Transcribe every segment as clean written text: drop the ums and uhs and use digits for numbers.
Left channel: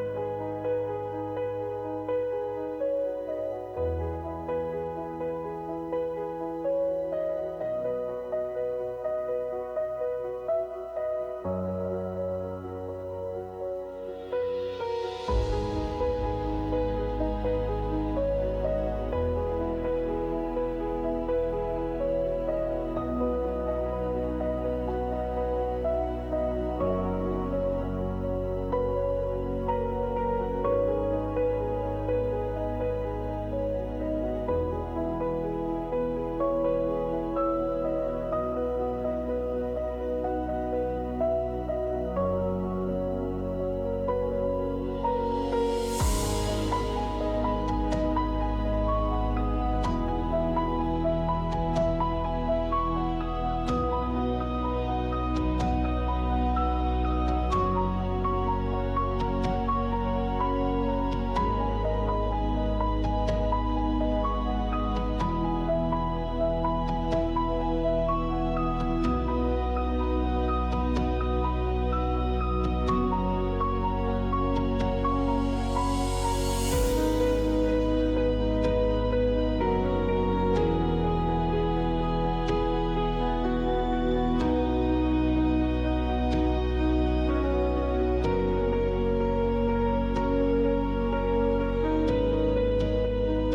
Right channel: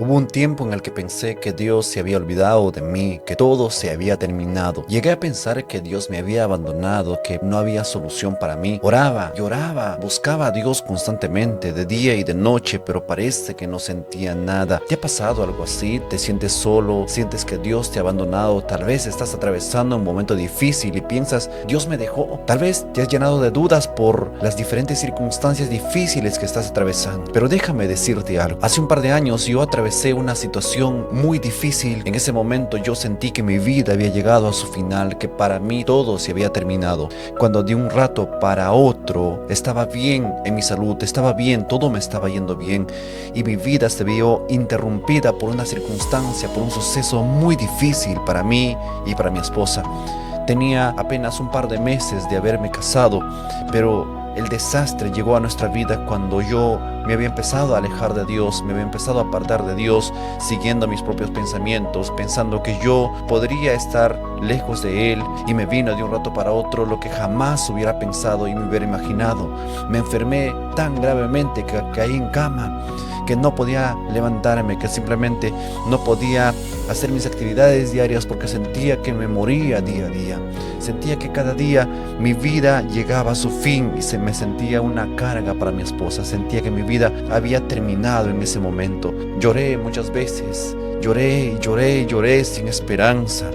Hubo un tiempo en el que pensé que Dios se había olvidado de mí, que todo se había terminado. Llegué a pensar que Dios me había abandonado, que no había solución para mí. Oraba, lloraba, buscaba a Dios constantemente, de día y de noche, pero parece que no sentía nada. ¿Te ha pasado algo así? ¿Te sientes solo? ¿Sientes que Dios te ha abandonado? Tal vez estás atravesando un momento difícil y piensas, Dios me dejó. Tal vez te has llenado de dudas por las diferentes circunstancias difíciles que estás atravesando. Pero déjame decirte algo. Hace un par de años yo atravesé una situación muy difícil. En ese momento yo sentí que mi vida había llegado a su final, que para mí todo se había terminado. Cuando de un rato para otro estaba bien en mi salud, estaba bien, todo me estaba yendo bien y mi vida se vio interrumpida por una circunstancia, por un suceso muy difícil para mí y para mi esposa. Tenía apenas un par de meses de haberme casado, pero el desastre llegó a nuestra vida cuando yo me había empezado a alejar de Dios, me había empezado a apartar de Dios, siguiendo mis propios pensamientos, pensando que yo podría estar lejos de Él, y me vino de un rato para otro lo que jamás hubiera pensado y me hubiera imaginado. Me enfermé tan gravemente que caí en cama, que no podía levantarme, que simplemente no podía hacer mis actividades diarias porque sentía que me moría día a día. Sentía que cada día mi vida llegaba a su fin y se me sentía una carga para mi esposa. Sentía que mi vida había terminado en ese momento. Lloré muchas veces, lloré y lloré y lloré sin esperanza.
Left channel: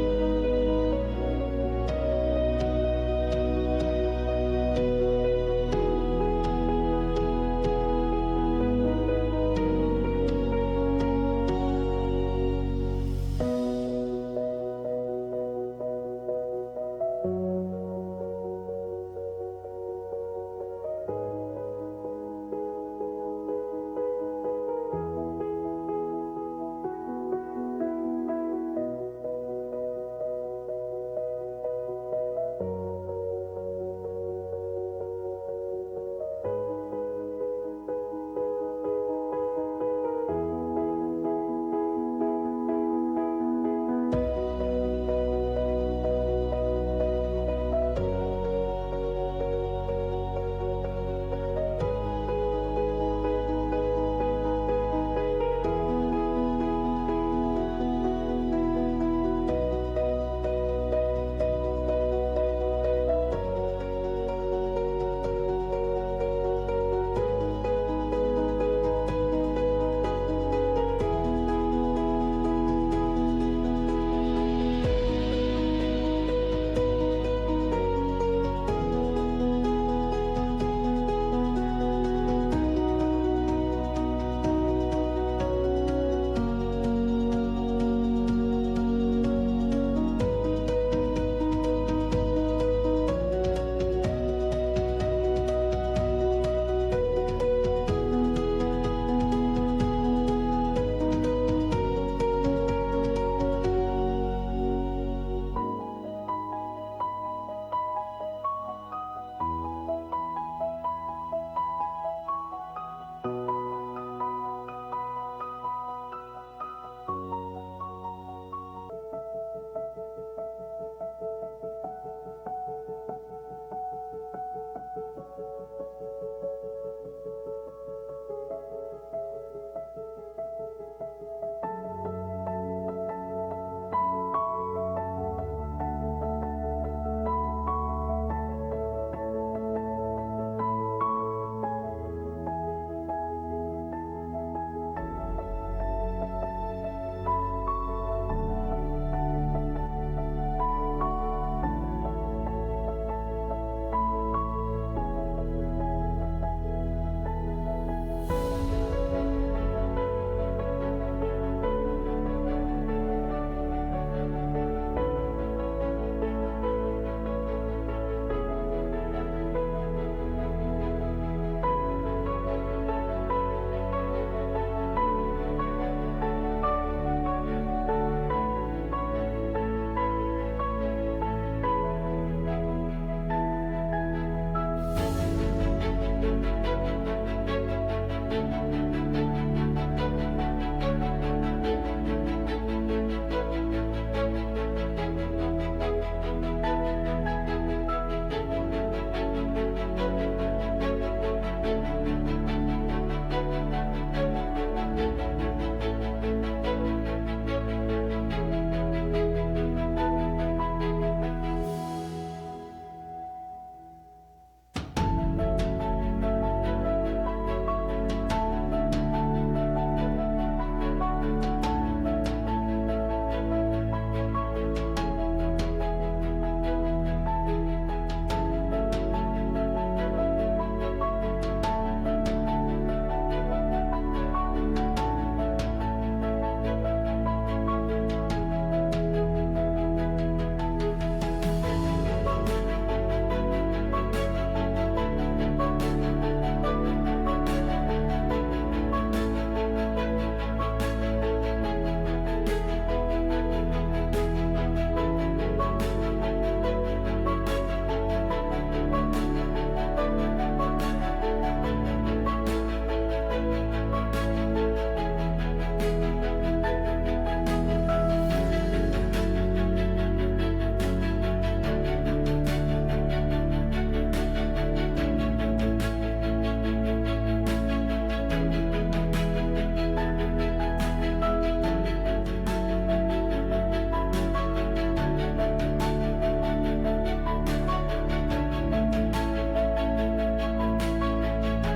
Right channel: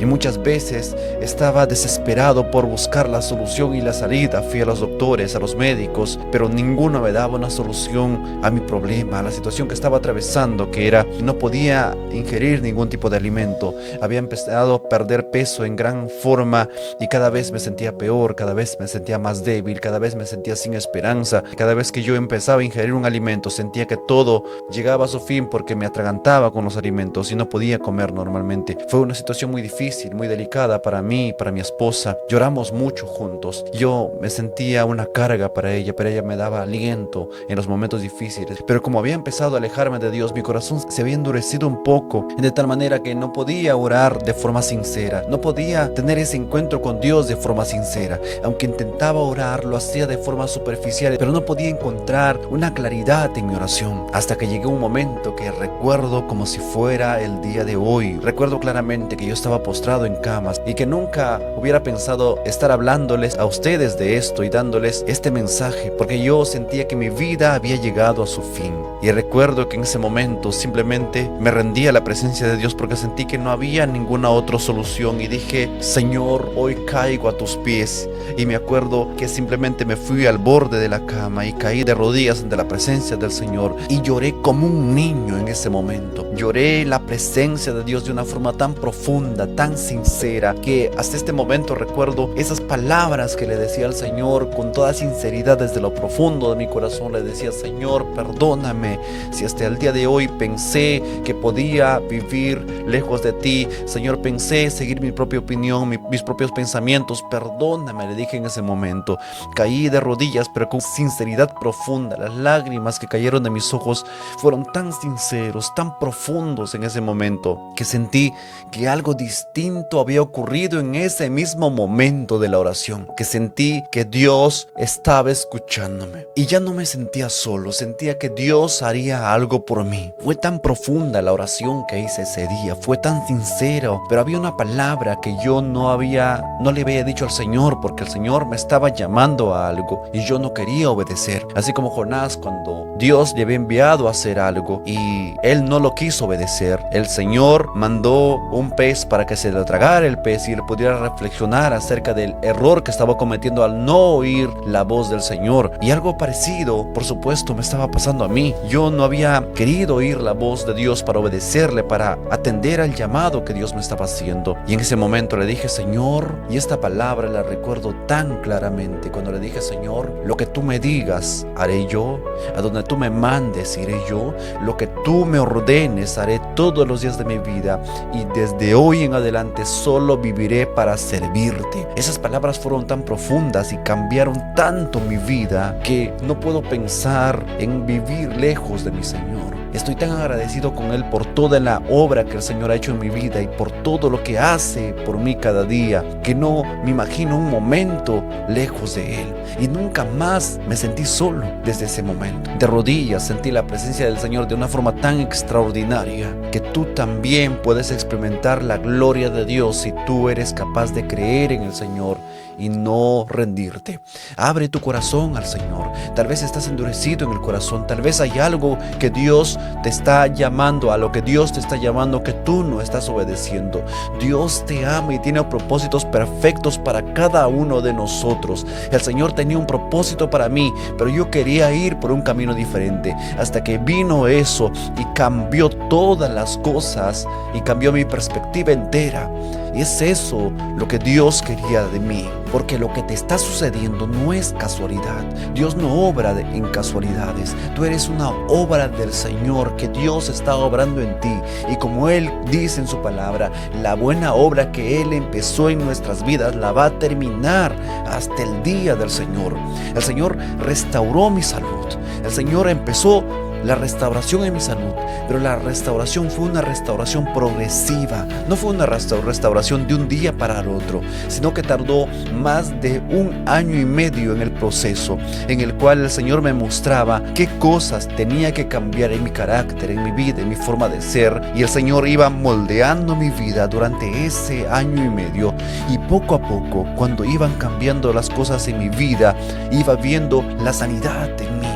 Y muchas veces estaba desesperado por buscar la solución y la salida. Fui a los doctores, a los médicos, pero ninguno me daba una solución a mi problema, a la situación que estaba atravesando, que era no podía ingerir ningún tipo de alimento. Había empezado a perder peso en gran forma y cada vez me sentía peor, cada vez me sentía más débil, cada vez me sentía sin esperanza. Cada vez que yo empezaba a ingerir un alimento, sentía que todo llegaba a su fin porque me atragantaba con los alimentos y no podía comer normalmente. Fue una situación muy difícil, muy delicada para mí y para mi esposa. Lloramos mucho juntos. Yo me sentía una carga para ella, pero ella me daba aliento en los momentos difíciles. Pero como había empezado a alejarme de Dios, mi corazón se había endurecido un poco, de tal manera que no podía orar de forma sincera, no podía tener ese encuentro con Dios de forma sincera. Aunque intentaba orar, lo hacía de forma superficial, pero no podía encontrar una claridad en mi oración, hasta que llegó un momento que recuerdo como si fuera el día de hoy. Recuerdo claramente que yo estaba postrado en camas y que nunca hubiera pensado estar hablándoles a ustedes de esto y dándoles este mensaje, porque yo sentía que mi vida había llegado a su fin. Y recuerdo que en ese momento simplemente me rendí a la presencia de Dios porque sentí que no había ninguna otra solución y dije, Señor, hoy caigo a tus pies. Y me acuerdo que simplemente me fui al borde de la cama y caí de rodillas ante la presencia del Señor y lloré como un niño en ese momento. Lloré la presencia de Dios de una forma tan profunda, tan sincera, que hasta este momento recuerdo esas palabras que le decía al Señor con toda sinceridad desde lo profundo de mi corazón. Le decía, Señor, perdóname si hasta el día de hoy pensé que podía vivir lejos de ti. Señor, pensé seguir mi propia opinión, mis propios pensamientos. Perdóname, le dije en ese momento. Caí de rodillas, pero con sinceridad profunda. Las lágrimas que cayeron de mis ojos fueron tan sinceros, tan profundos en ese momento, que sentí que algo distinto había ocurrido en ese mismo momento de la oración, que sentí que Dios estaba escuchándome y ya no me sentía solo, sentía que Dios haría algo por mí. Fue tan profunda la oración que hice ese día, fue tan sincero, pero había una palabra que yo no le había dicho al Señor, porque el Señor me estaba llamando a algo y yo no quería obedecer. Así como Jonás, cuando Dios le había enviado a hacer algo y él no lo quiso obedecer, el Señor mandó un pez para que se lo tragara el pez y él pudiera reflexionar acerca del error que estaba cometiendo al no oír la voz del Señor. Y algo parecido, por supuesto, me estaba pasando a mí. Yo no había querido oír la voz de Dios para obedecerle, para atender al llamado que Dios me estaba haciendo. Y en ese momento le dije, Señor, y esta palabra la recuerdo tan claramente, cuando le dije, Señor, lo que tú me digas haré yo, a donde tú me mandes iré yo, lo que tú me ordenes haré todos los días de mi vida, y desde hoy en adelante solo viviré para servirte. Esas palabras fueron tan profundas y cambiaron tanto mi vida que no puedo pensar en vivir lejos de mi Señor. Estoy tan agradecido con Él por toda la obra que el Señor ha hecho en mi vida y por todo lo que hace por mí cada día, que no me imagino un momento lejos de Él. Y nunca más me sentí solo desde ese momento. De rodillas sentí la presencia del Señor de una forma tan extraordinaria que tú también puedes experimentar la gloria de Dios si tú eres capaz de creer en el Señor y no rendirte. Abre tu corazón al Señor. Tal vez estás endurecido en el corazón, tal vez hay algo que Dios te está llamando, a lo que Dios te está llamando, que tú no estás obedeciendo. Dios te ama y tiene propósitos perfectos para cada uno de nosotros. El Señor tenía un propósito para mí, pero yo quería ir por un camino diferente, hasta que vino eso y cambió todas las cosas y cambió mi perspectiva entera. Y es eso lo que Dios quería de mí, porque lo que te está sucediendo no es casualidad. Dios no obra en casualidades. Tú eres una obra del Señor que Dios está obrando en ti. Y como Él dice en su palabra, la buena obra que Él empezó en nuestras vidas la va a terminar hasta el día del Señor. El Señor restauró mi salud. El Señor empezó la restauración en mi salud, pero la restauración fue una restauración progresiva. No fue una restauración de un día para el otro, sino que tardó más de 1 año y medio en el proceso, en el cual el Señor me mostraba qué cosas tenía que cambiar en mi carácter, en mi vida, en mi forma de ser. Y el Señor iba moldeando mi vida durante ese año y medio, y poco a poco, cuando iban cambiando las cosas en mi vida, iba viendo la sanidad en mí.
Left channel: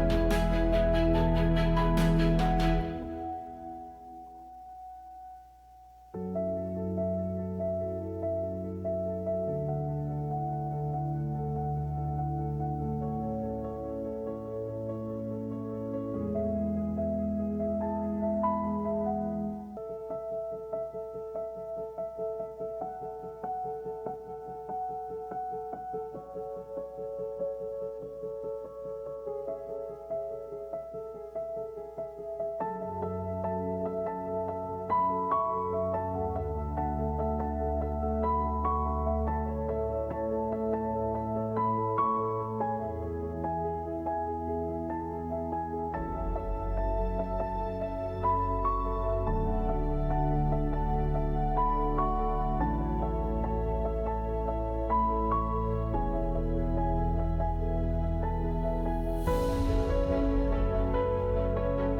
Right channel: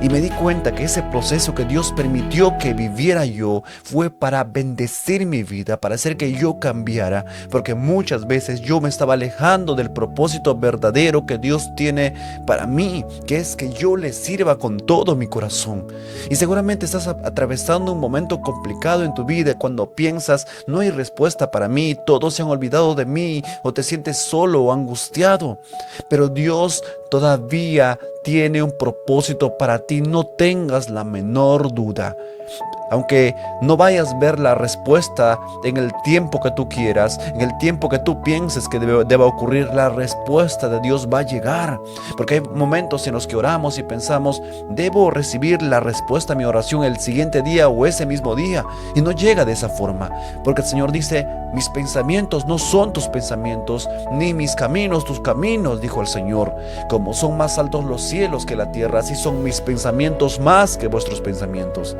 Y me di cuenta que ese proceso que Dios permitió que viviera yo fue para bendecir mi vida, para hacer que yo cambiara, porque muchas veces yo me estaba alejando del propósito verdadero que Dios tiene para mí, que es que yo le sirva con todo mi corazón. Y seguramente estás atravesando un momento complicado en tu vida cuando piensas, no hay respuesta para mí, todos se han olvidado de mí, o te sientes solo o angustiado. Pero Dios todavía tiene un propósito para ti, no tengas la menor duda. Aunque no vayas a ver la respuesta en el tiempo que tú quieras, en el tiempo que tú pienses que deba ocurrir, la respuesta de Dios va a llegar. Porque hay momentos en los que oramos y pensamos, debo recibir la respuesta a mi oración el siguiente día o ese mismo día. Y no llega de esa forma. Porque el Señor dice, mis pensamientos no son tus pensamientos, ni mis caminos tus caminos, dijo el Señor. Como son más altos los cielos que la tierra, así son mis pensamientos más que vuestros pensamientos.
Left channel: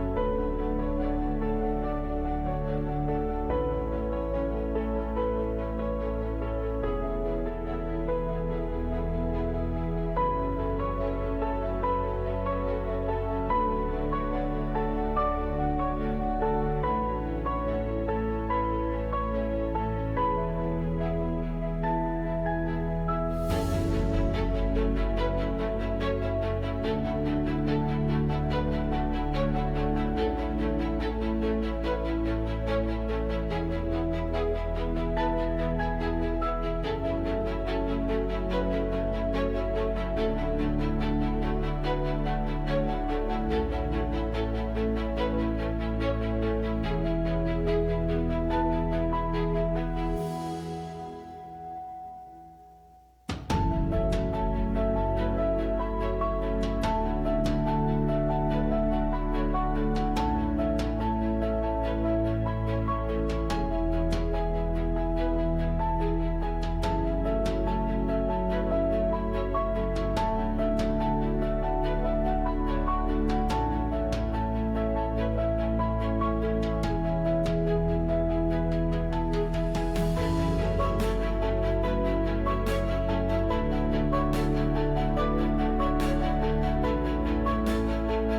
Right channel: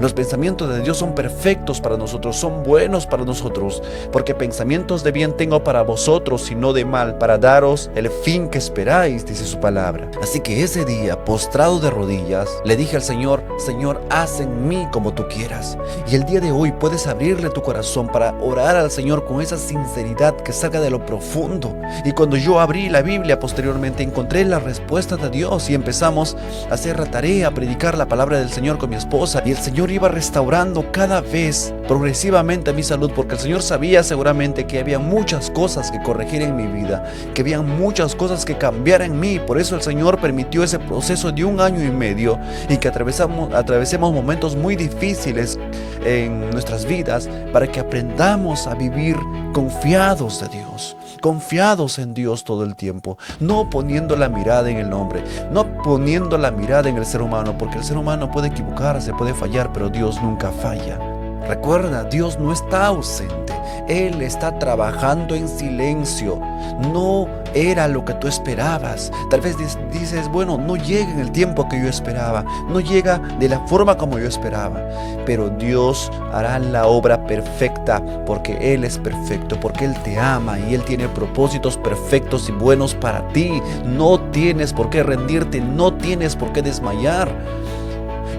Los pensamientos de Dios son perfectos para nosotros, son buenos para nosotros, porque pensamientos de bien tengo para vosotros y no de mal, para daros el fin que esperáis, dice su palabra. Así que ese día, postrado de rodillas, le dije al Señor, Señor, haz en mí como tú quieras. Y el día de hoy puedes abrirle tu corazón para orar al Señor con esa sinceridad que salga de lo profundo. Y cuando yo abrí la Biblia posteriormente, encontré la respuesta de Dios y empezamos a hacer la tarea, a predicar la palabra del Señor con mi esposa, y el Señor iba restaurando cada vez progresivamente mi salud, porque el Señor sabía seguramente que había muchas cosas que corregir en mi vida, que había muchas cosas que cambiar en mí. Por eso el Señor permitió ese proceso de 1 año y medio y que atravesemos momentos muy difíciles en nuestras vidas, para que aprendamos a vivir confiados de Dios, confiados en Dios todo el tiempo, no poniendo la mirada en el hombre, no poniendo la mirada en el ser humano, porque el ser humano puede equivocarse, puede fallar, pero Dios nunca falla. Recuerda, Dios no está ausente, Él está trabajando en silencio. No era lo que tú esperabas. Tal vez dices, bueno, no llega en el tiempo que yo esperaba, no llega de la forma como yo esperaba, pero Dios hará la obra perfecta, porque Él es perfecto, porque Él te ama y Él tiene propósitos perfectos y buenos para ti. No tienes por qué rendirte, no tienes por qué desmayar.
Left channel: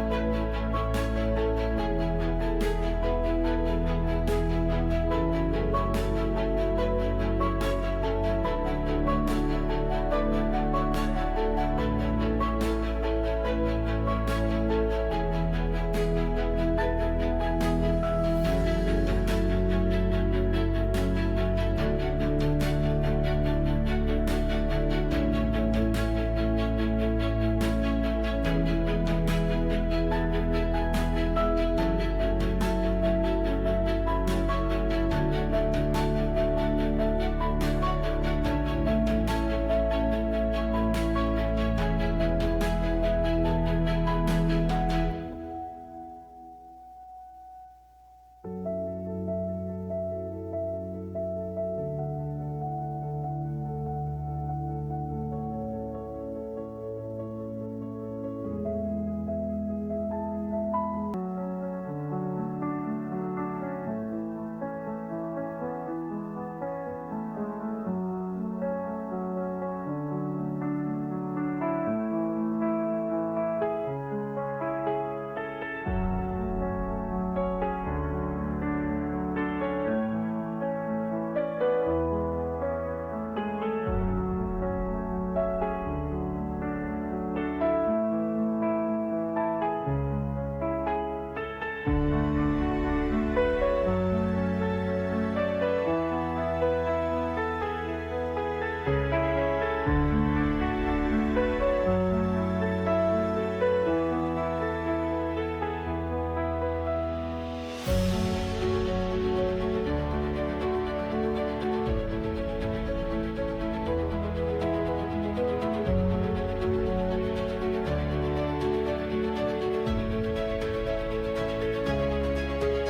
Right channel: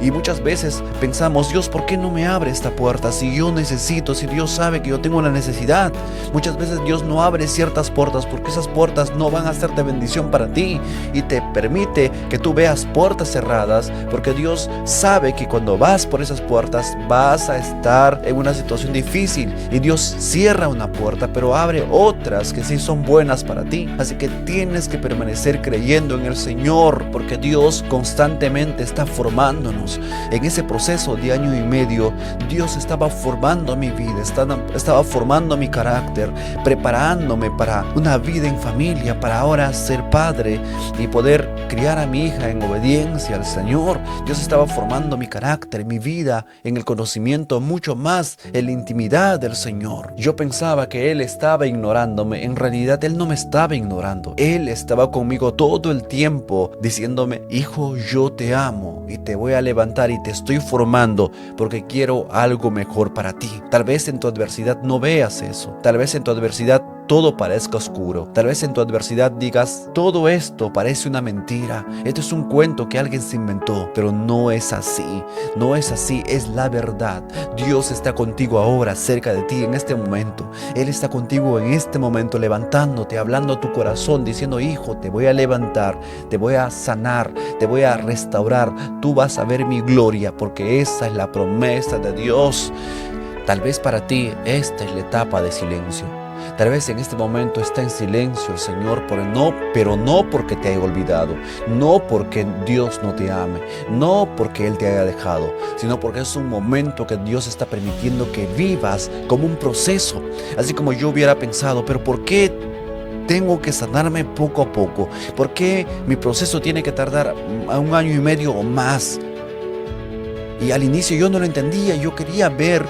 Y muchas veces pensamos, Dios, ¿por qué no me abre esta puerta? Si yo necesito, si Dios sabe que yo tengo una necesidad. Muchas veces Dios no abre ciertas puertas porque esas puertas no van a ser de bendición para ti, y te permite que tú veas puertas cerradas, porque Dios sabe que cuando vas por esas puertas vas a estar en una situación difícil, y Dios cierra una puerta pero abre otras que sí son buenas para ti. Así que tienes que permanecer creyendo en el Señor, porque Dios constantemente está formándonos. Dios. En ese proceso de año y medio, Dios estaba formando mi vida, estaba formando mi carácter, preparándome para una vida en familia, para ahora ser padre y poder criar a mi hija en obediencia al Señor. Dios estaba formando mi carácter, mi vida en el conocimiento, mucho más en la intimidad del Señor. Yo pensaba que Él estaba ignorándome. En realidad Él no me estaba ignorando. Él estaba conmigo todo el tiempo diciéndome: hijo, yo te amo y te voy a levantar y te estoy formando porque quiero algo mejor para ti. Tal vez en tu adversidad no veas eso. Tal vez en tu adversidad todo parezca oscuro. Tal vez en tu adversidad digas: todo esto parece una mentira, esto es un cuento que alguien se inventó. Pero no es así, no es así, es la verdad. Dios está contigo ahora, cerca de ti en este momento. Él está contigo en este momento, levantándote, hablando a tu corazón, diciendo: hijo, te voy a levantar, te voy a sanar, te voy a restaurar, tú vas a ver mi gloria, porque esa es la promesa de Dios. Tal vez para ti esta es la etapa de silencio. Tal vez en este momento está en silencio el Señor, pero no porque te haya olvidado, no porque Dios no te ame, no porque Él te haya dejado, sino porque es un momento que Dios está permitiendo que vivas como un proceso. Así como yo hubiera pensado: pero ¿por qué tengo que sanarme poco a poco? ¿Por qué mi proceso tiene que tardar un año y medio o más? Y al inicio yo no lo entendía, yo quería ver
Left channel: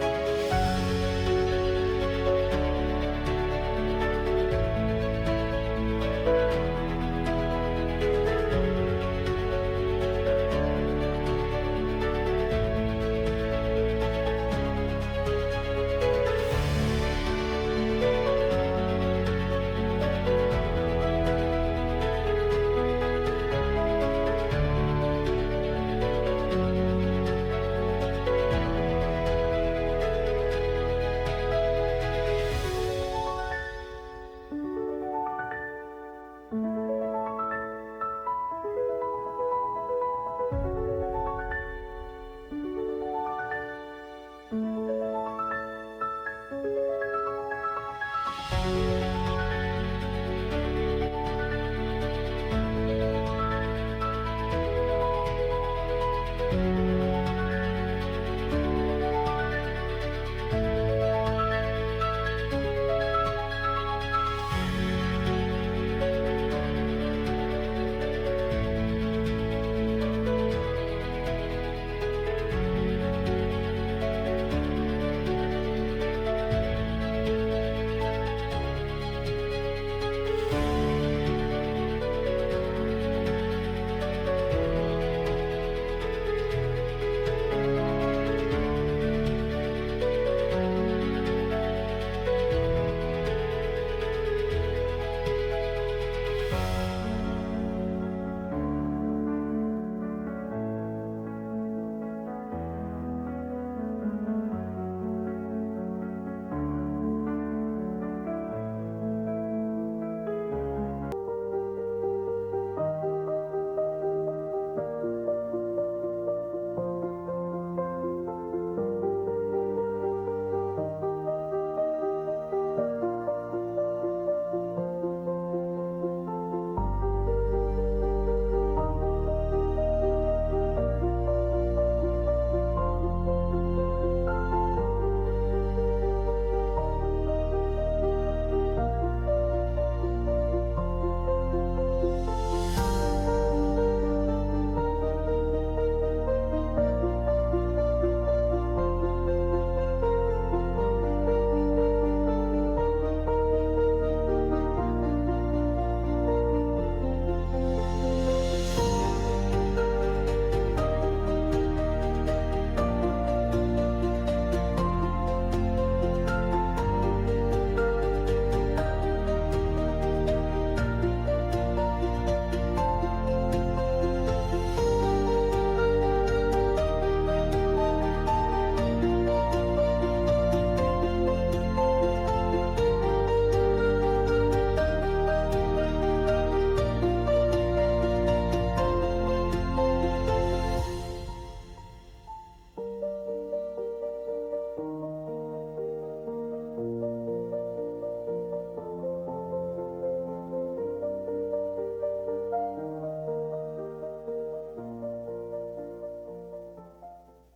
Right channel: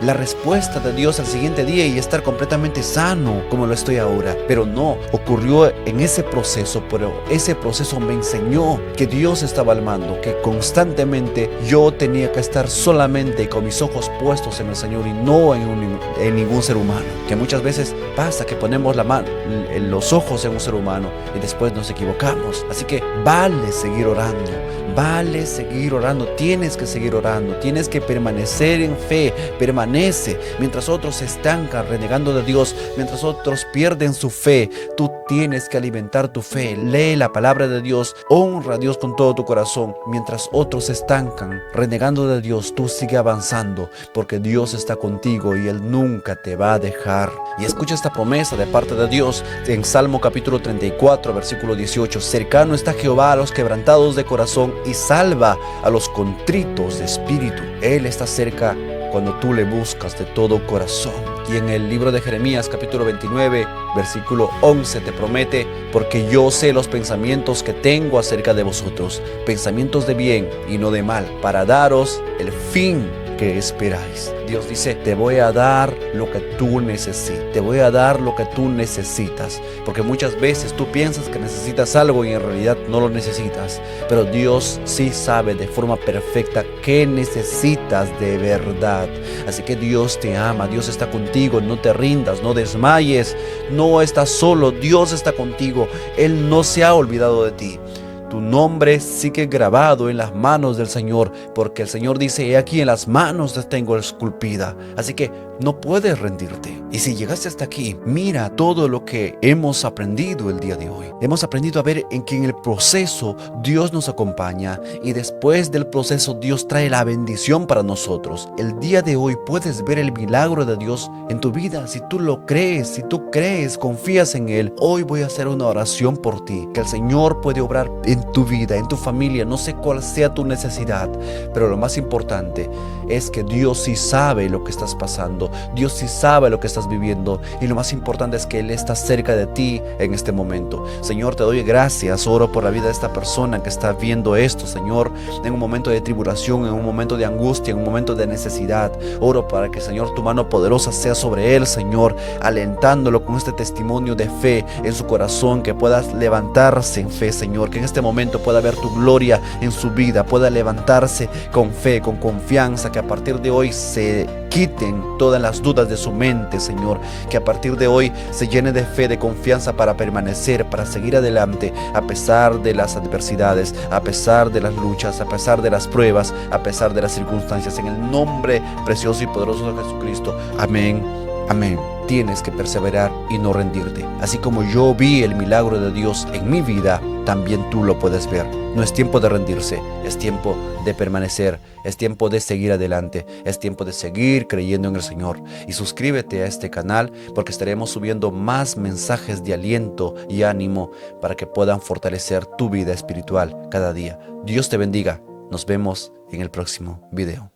la respuesta de Dios al siguiente día y estar completamente sano como lo estoy ahora. Pero no, ocurrió en ese proceso, pero ese proceso me enseñó que Dios estaba al mando, que constantemente yo tenía que estar solamente con mis ojos puestos en el Señor y no en ningún ser humano. Que muchas veces pasa que ponemos los ojos en un ser humano y después nos equivocamos. Así que vale seguir orando. Vale seguir orando, tienes que seguir orando, tienes que permanecer en fe, permanece. Mientras otros se estancan renegando de Dios, mientras otros pierden su fe, tú tienes que alimentar tu fe. Lee la palabra de Dios, honra a Dios con todo tu corazón. Mientras otros se estancan renegando de Dios, tú sigue avanzando, porque Dios está contigo y Él nunca te va a dejar. Y escucha esta promesa de parte de Dios en Salmo capítulo 34, versículo 18: cercano está Jehová a los quebrantados de corazón y salva a los contritos de espíritu. Él está cerca cuando tú le buscas de todo corazón. Y en el libro de Jeremías capítulo 29 versículo 11 te promete: porque yo sé los pensamientos que tengo acerca de vosotros, pensamientos de bien y no de mal, para daros el fin que esperáis. Dios dice: te voy a dar lo que tú necesitas, te voy a dar lo que tú necesitas, porque muchas veces tú piensas que necesitas algo y en realidad no lo necesitas, pero Dios sí sabe de forma perfecta qué necesitas de verdad. Así que Dios te ama, Dios está contigo, no te rindas, no desmayes, no estás solo, Dios está contigo, Él no se ha olvidado de ti. Tu nombre sigue grabado en las manos del Señor, porque el Señor dice: he aquí en las manos te tengo esculpida. Así que no puedes rendirte. Y si llegaste hasta aquí, mira todo lo que hemos aprendido el día de hoy. Hemos aprendido a ver en que en el proceso Dios nos acompaña y después del proceso Dios trae la bendición para nosotros. El día de hoy puedes ver el milagro de Dios en tu vida. Si tú lo crees, si tú crees, confías en Él, hoy voy a hacer una oración por ti, que el Señor puede obrar en tu vida, en tu familia. No sé cuál sea tu necesidad, pero lo más importante es que Dios sí sabe lo que estás pasando, Dios sí sabe lo que estás viviendo, y lo más importante es que Él está cerca de ti en este momento. Señor, te doy gracias, oro por la vida de esta persona que está viendo esto, Señor, en un momento de tribulación, en un momento de angustia, en un momento de necesidad. Oro para que, Señor, tu mano poderosa sea sobre él, Señor, alentándolo con este testimonio de fe en su corazón, que puedas levantarse en fe, Señor, que en este momento pueda ver tu gloria en su vida, pueda levantarse con fe, con confianza, que a partir de hoy se quiten todas las dudas de su mente, Señor, que a partir de hoy se llene de fe, de confianza para permanecer, para seguir adelante a pesar de las adversidades, a pesar de las luchas, a pesar de las pruebas, a pesar de las circunstancias, en el nombre precioso y poderoso de Jesucristo. Amén, amén. Tienes que perseverar y no rendirte. Así como yo vi el milagro de Dios en mi vida, también tú lo puedes ver. No es tiempo de rendirse, es tiempo de permanecer, es tiempo de seguir adelante, es tiempo de seguir creyendo en el Señor. Y suscríbete a este canal, porque estaremos subiendo más mensajes de aliento y ánimo para que puedan fortalecer tu vida espiritual cada día. Dios te bendiga. Nos vemos en el próximo video.